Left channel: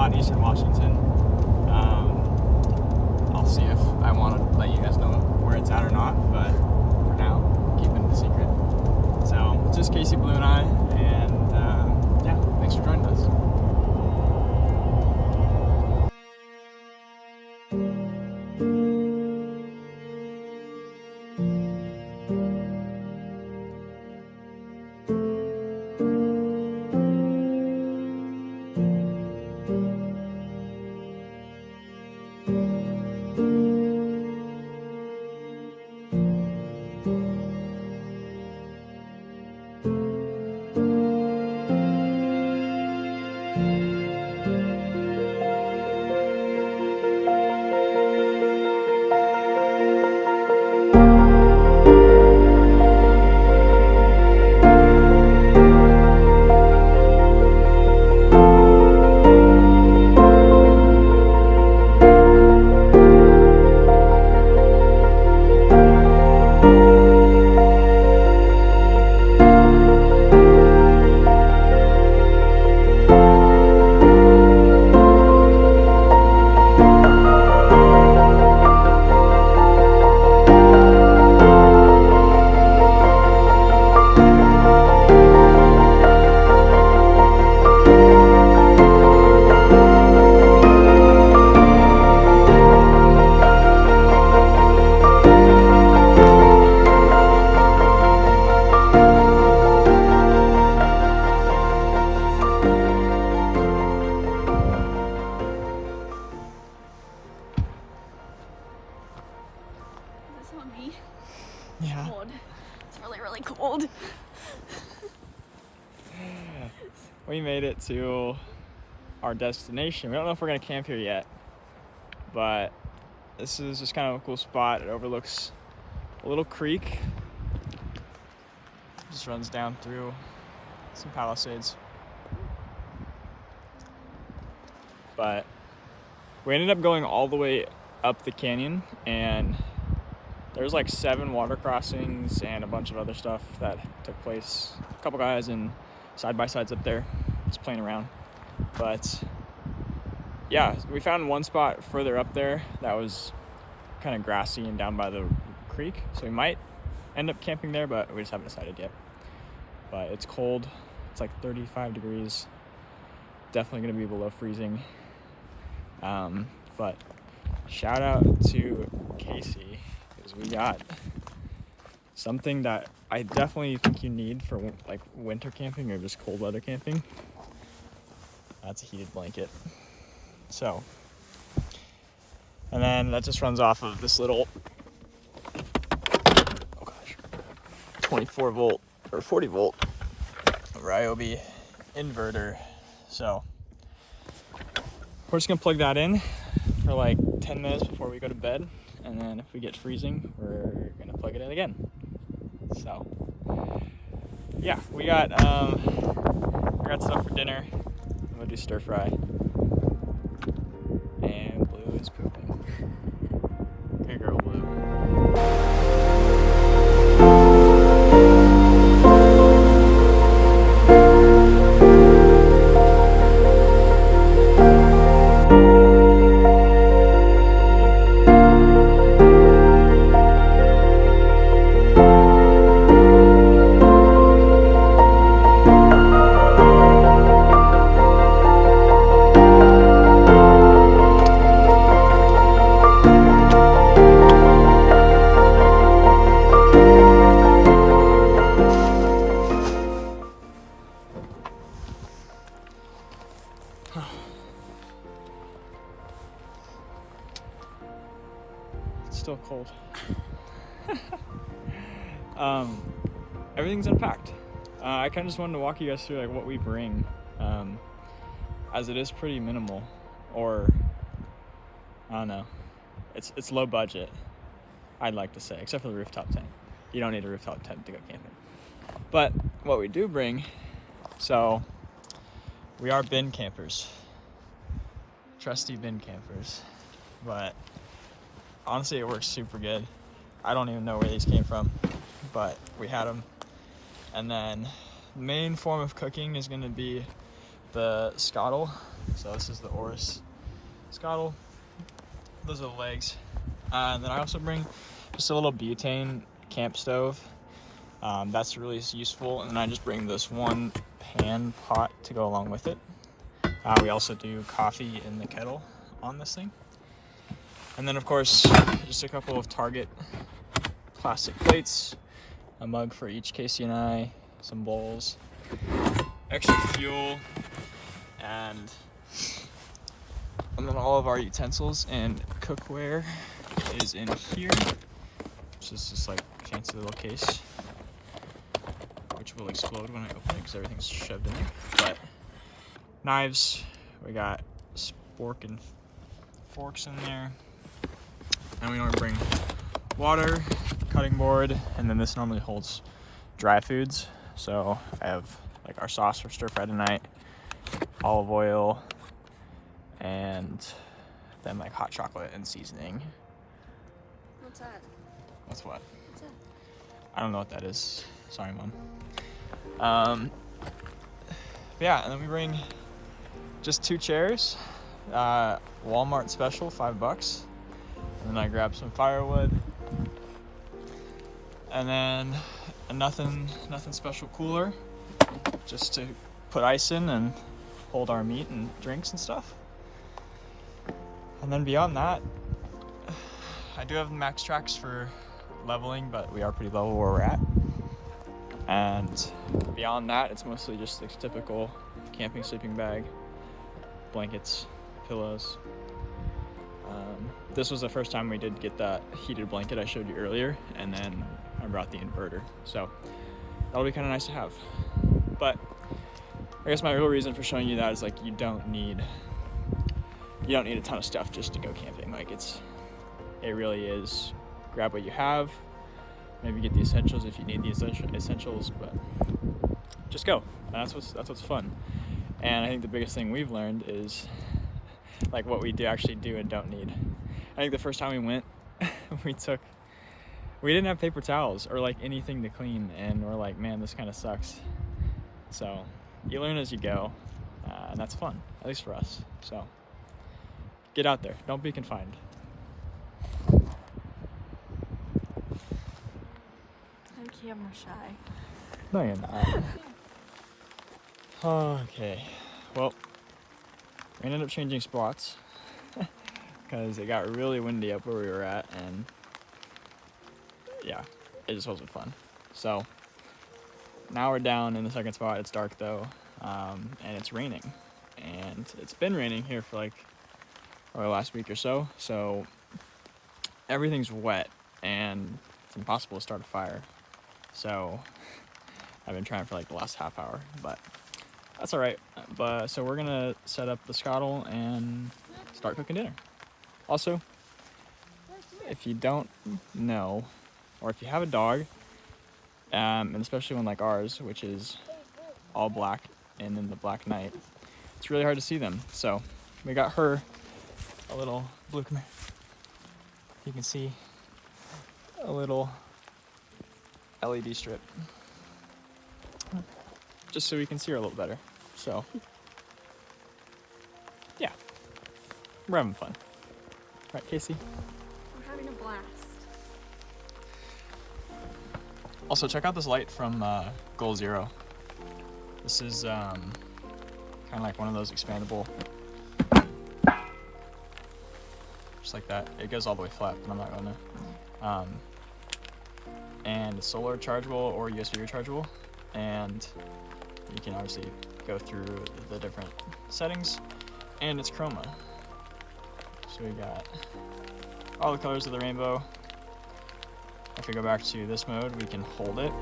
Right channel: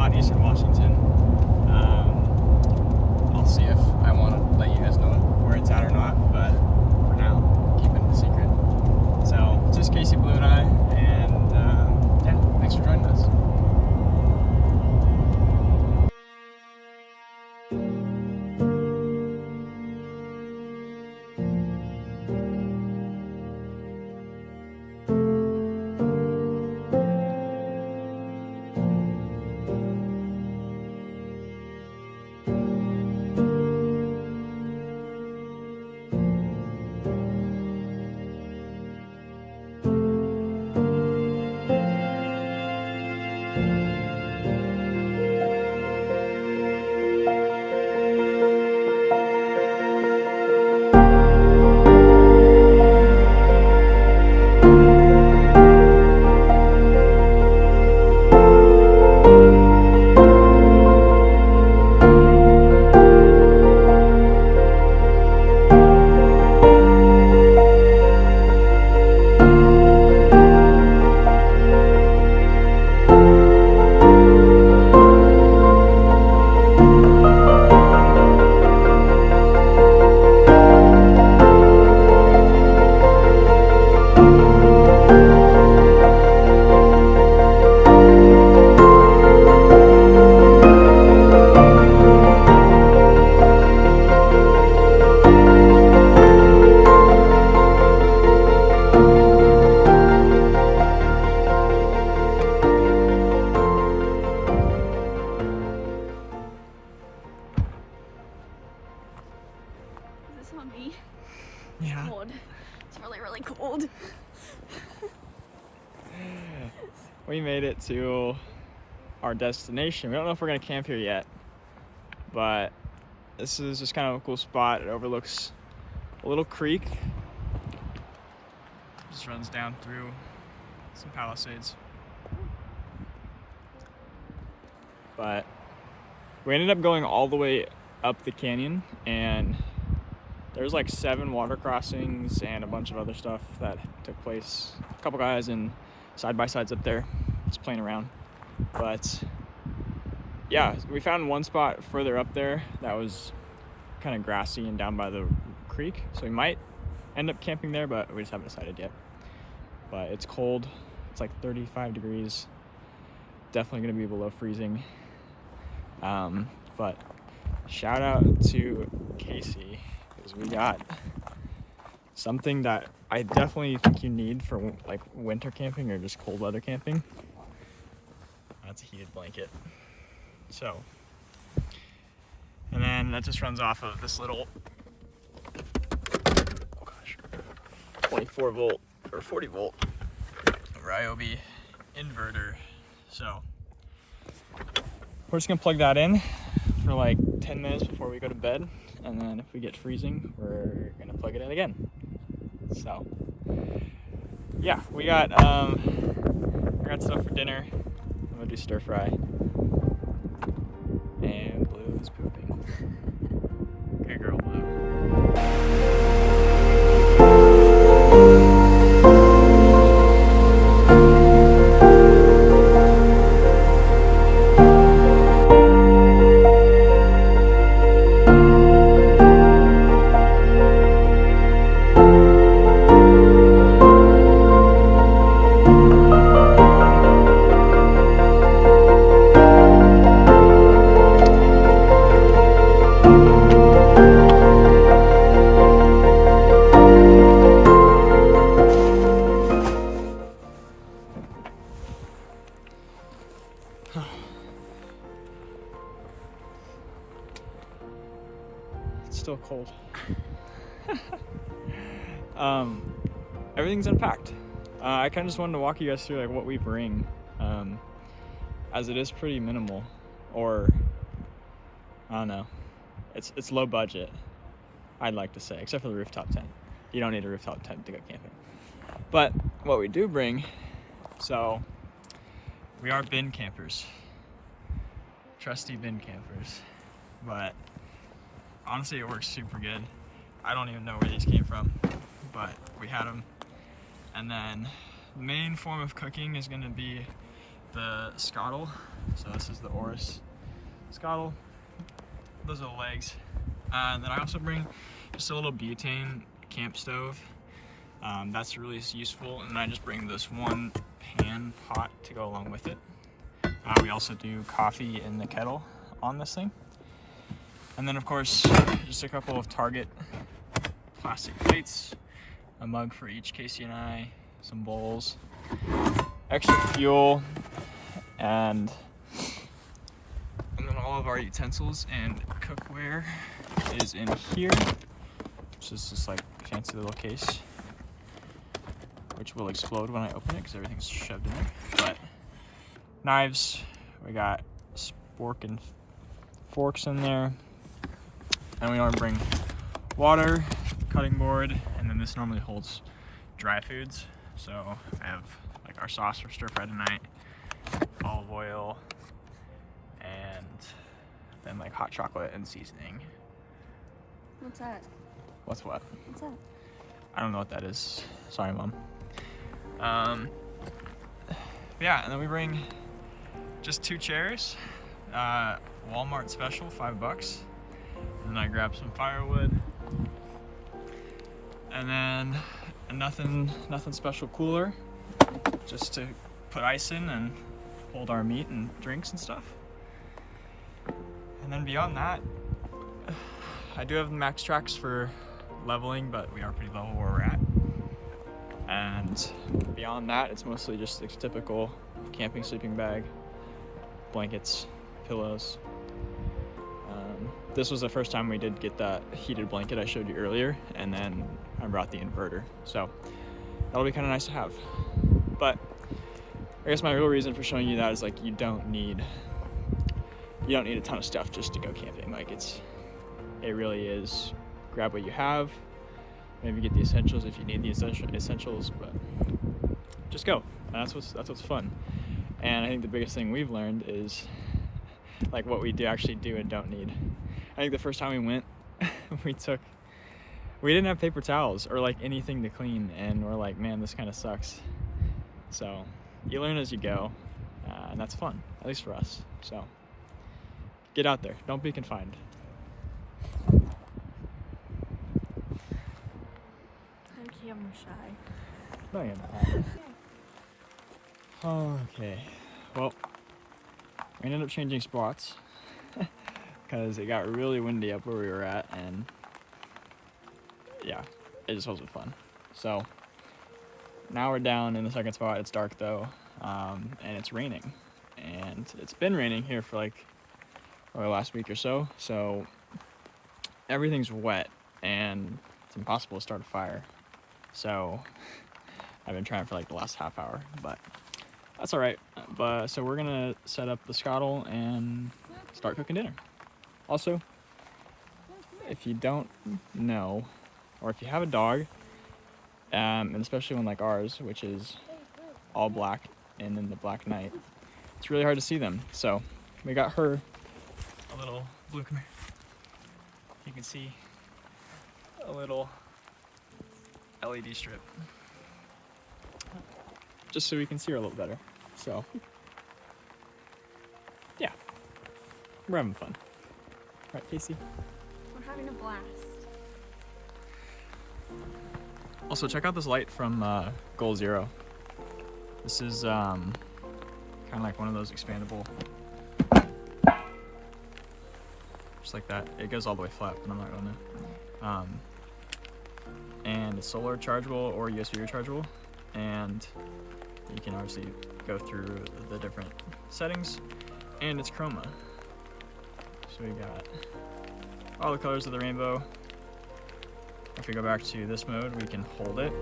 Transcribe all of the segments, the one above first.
spot in Eastern Washington. I'll see if I want to let you guys know where it's at or not, but for now, keep it a secret. So, just Casey, Blue, and I, and yeah, thanks for joining us. On me. Yeah. Cold. It's really, really cold. We made it to our destination. We don't know if we're gonna camp here yet, but this is just kind of a cool spot. It overlooks a little creek. Just runs down through some palisades. But we ended up going all the way up the canyon, and there's like 7 water crossings and a bunch of other stuff that took place. A couple guys in side-by-sides up there just playing around. But yeah, we found one spot further up there that was kind of grassy and down by the creek. So we might end up camping there, but we just haven't decided yet. But it's cold. It's like 35 degrees. Definitely gonna be below freezing. But shout out to Casey, because we got something that I definitely think you need for like winter camping or just cold weather camping. That's a heated blanket. So, and then that just runs off of this little 24 volt or 40 volt Ryobi inverter. So we're just gonna plug that in for like 10 minutes before we go to bed, and then if we get freezing, we're gonna plug it in again. So yeah, we got stuff for dinner. I'm gonna do stir fry, and Blue is pooping. Good girl, Blue. It's still cold. Everything's unpacked. I kind of just wanted to walk you guys through like what we bring, as it is pretty minimal, or I don't know, it's low budget, I'd like to say, except for the rooftop tent. You don't need a rooftop tent to go camping. But what we do bring, so we are bin campers, trusty bin campers, but honestly it works super good. I don't even know where these came from, but we had them. And then the main form of cooking is going to be the scuttle. So this is the Oris Scottle. Those are the legs. And then I also bring just a little butane camp stove. That's really useful. And I just bring this one pan pot to go along with it. We also do coffee in the kettle on this thing. And then of course, just a couple of Target plastic plates, a mug for each Casey and I, some bowls, extra fuel, and then all of our utensils and cookware is in here, which is just like a fancy little case, which will explode when I open it because everything's shoved in there. But knives, we got spork and forks in there, and we normally bring water, cutting board, and then this normally holds dry foods. So I have like our sauce for stir fry tonight, olive oil, and then like hot chocolate and seasoning. What's that? What's what? What's that? I don't know what that is. Sorry, Mom. Yeah, and then we bring just 2 chairs. Walmart special, $5. And then I grab some firewood. And then a nothing special cooler, just to put ice in and hold our meat and drinks and stuff. And then beyond that, I do have max tracks for leveling, but we are pretty level where we're at. And beyond that, it's mostly just the typical camping sleeping bag, blankets, pillows. This was the first time we did get that heated blanket I showed you earlier, and then I brought the inverter. So that'll be kind of nice to have. But I guess my real reason for showing you that is like you don't need a ton of stuff just to go camping. Like it really is grab what you have, maybe get the essentials if you need the essentials, but just go. And that's what's fun. And I think the biggest thing we've learned is like what we actually do and don't need. I think the first time we went, we didn't have paper towels or like anything to clean, and we're like, man, this kind of sucks. So you learn as you go, and that's fun, at least for us. So get out there, don't be confined. I'm camera shy. No, you're not. Okay, well, we ended up changing spots because it got really windy up where we were at, and yeah, it just wasn't fun. So now we're down in the second spot. It's dark though, and it's raining, and it's been raining here for like the last week or so. So everything's wet and it's impossible to start a fire. So I've been trying for like the last half hour, but that's all right. But so we're gonna set up the scuttle and start cooking dinner. Also, if you don't know, or if you have a dog, and especially one like ours, which is all black and in the black night, it's really hard to see them. So we got her a little blue, come here. You can see a little LED strip, just so we can see her a little better. So yeah, we're having fun. Right, Casey? We're having a blast. Also, check out this light from Goal Zero. This is kind of like one of those expandable, just like that. It goes all the way flat, but I'm not gonna. And it's solar chargeable or USB rechargeable, and you can obviously go through the different settings, and it's chroma. So we got all the colors of the rainbow. If we go back to this mode, we can hold it.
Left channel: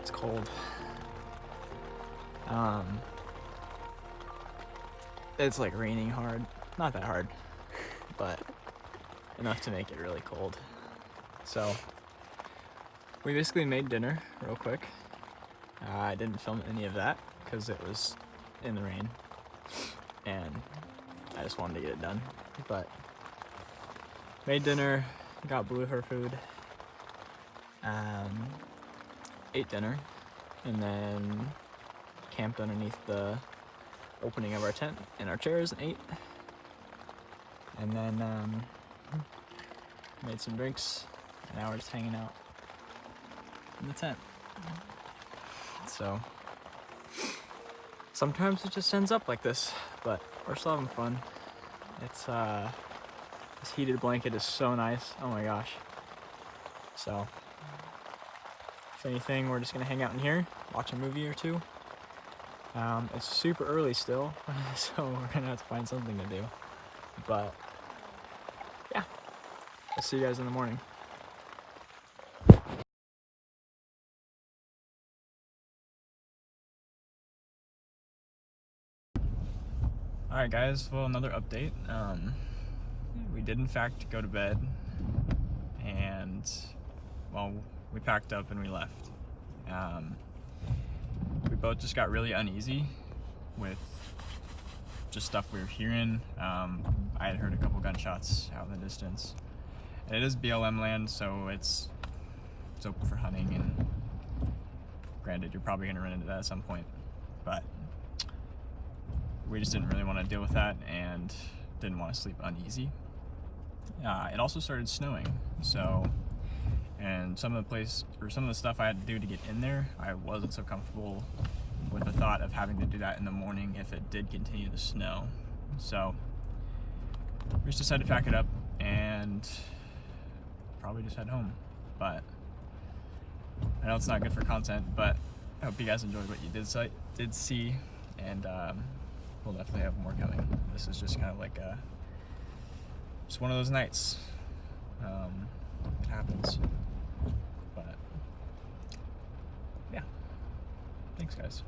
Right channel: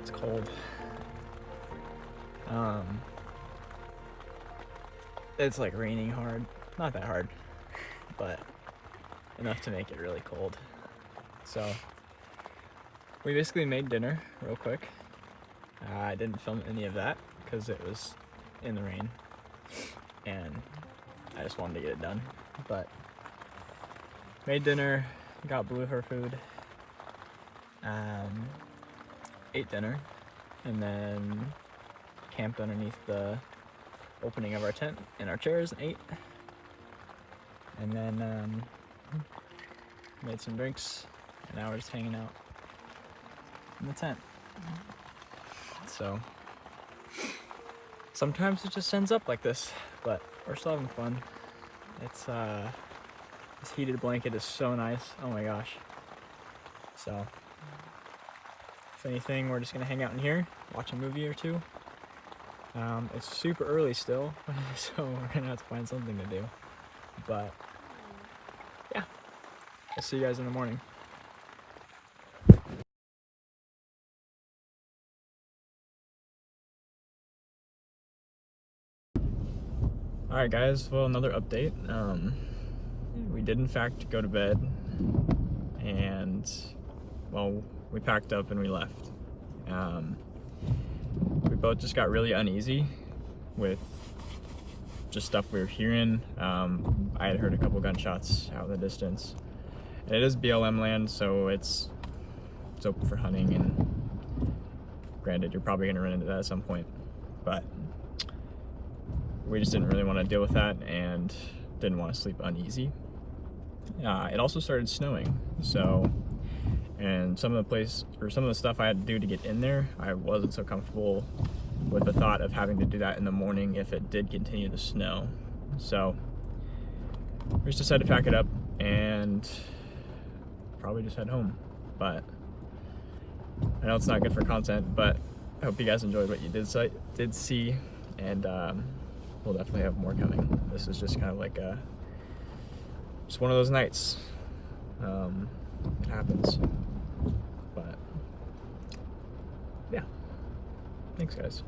It's cold. It's like raining hard. Not that hard, but enough to make it really cold. So we basically made dinner real quick, I didn't film any of that because it was in the rain and I just wanted to get it done. But made dinner, got Blue her food, ate dinner, and then camped underneath the opening of our tent in our chairs and ate. And then made some drinks, and now we're just hanging out in the tent. So sometimes it just ends up like this, but we're still having fun. It's this heated blanket is so nice. Oh my gosh. So if anything, we're just gonna hang out in here, watch a movie or two. It's super early still, so we're gonna have to find something to do. But yeah, I'll see you guys in the morning. Alright guys, well, another update. We did in fact go to bed, and well, we packed up and we left. We both just got really uneasy with just stuff we were hearing. I had heard a couple gunshots out in the distance, and it is BLM land, so it's open for hunting, and granted, you're probably gonna run into that at some point, but we just didn't really want to deal with that and didn't want to sleep uneasy. It also started snowing, so, and some of the stuff I had to do to get in there, I wasn't so comfortable with the thought of having to do that in the morning if it did continue to snow. So we just decided to pack it up and probably just head home. But I know it's not good for content, but I hope you guys enjoyed what you did see, and we'll definitely have more coming. This is just kind of like just one of those nights. It happens. But yeah, thanks guys.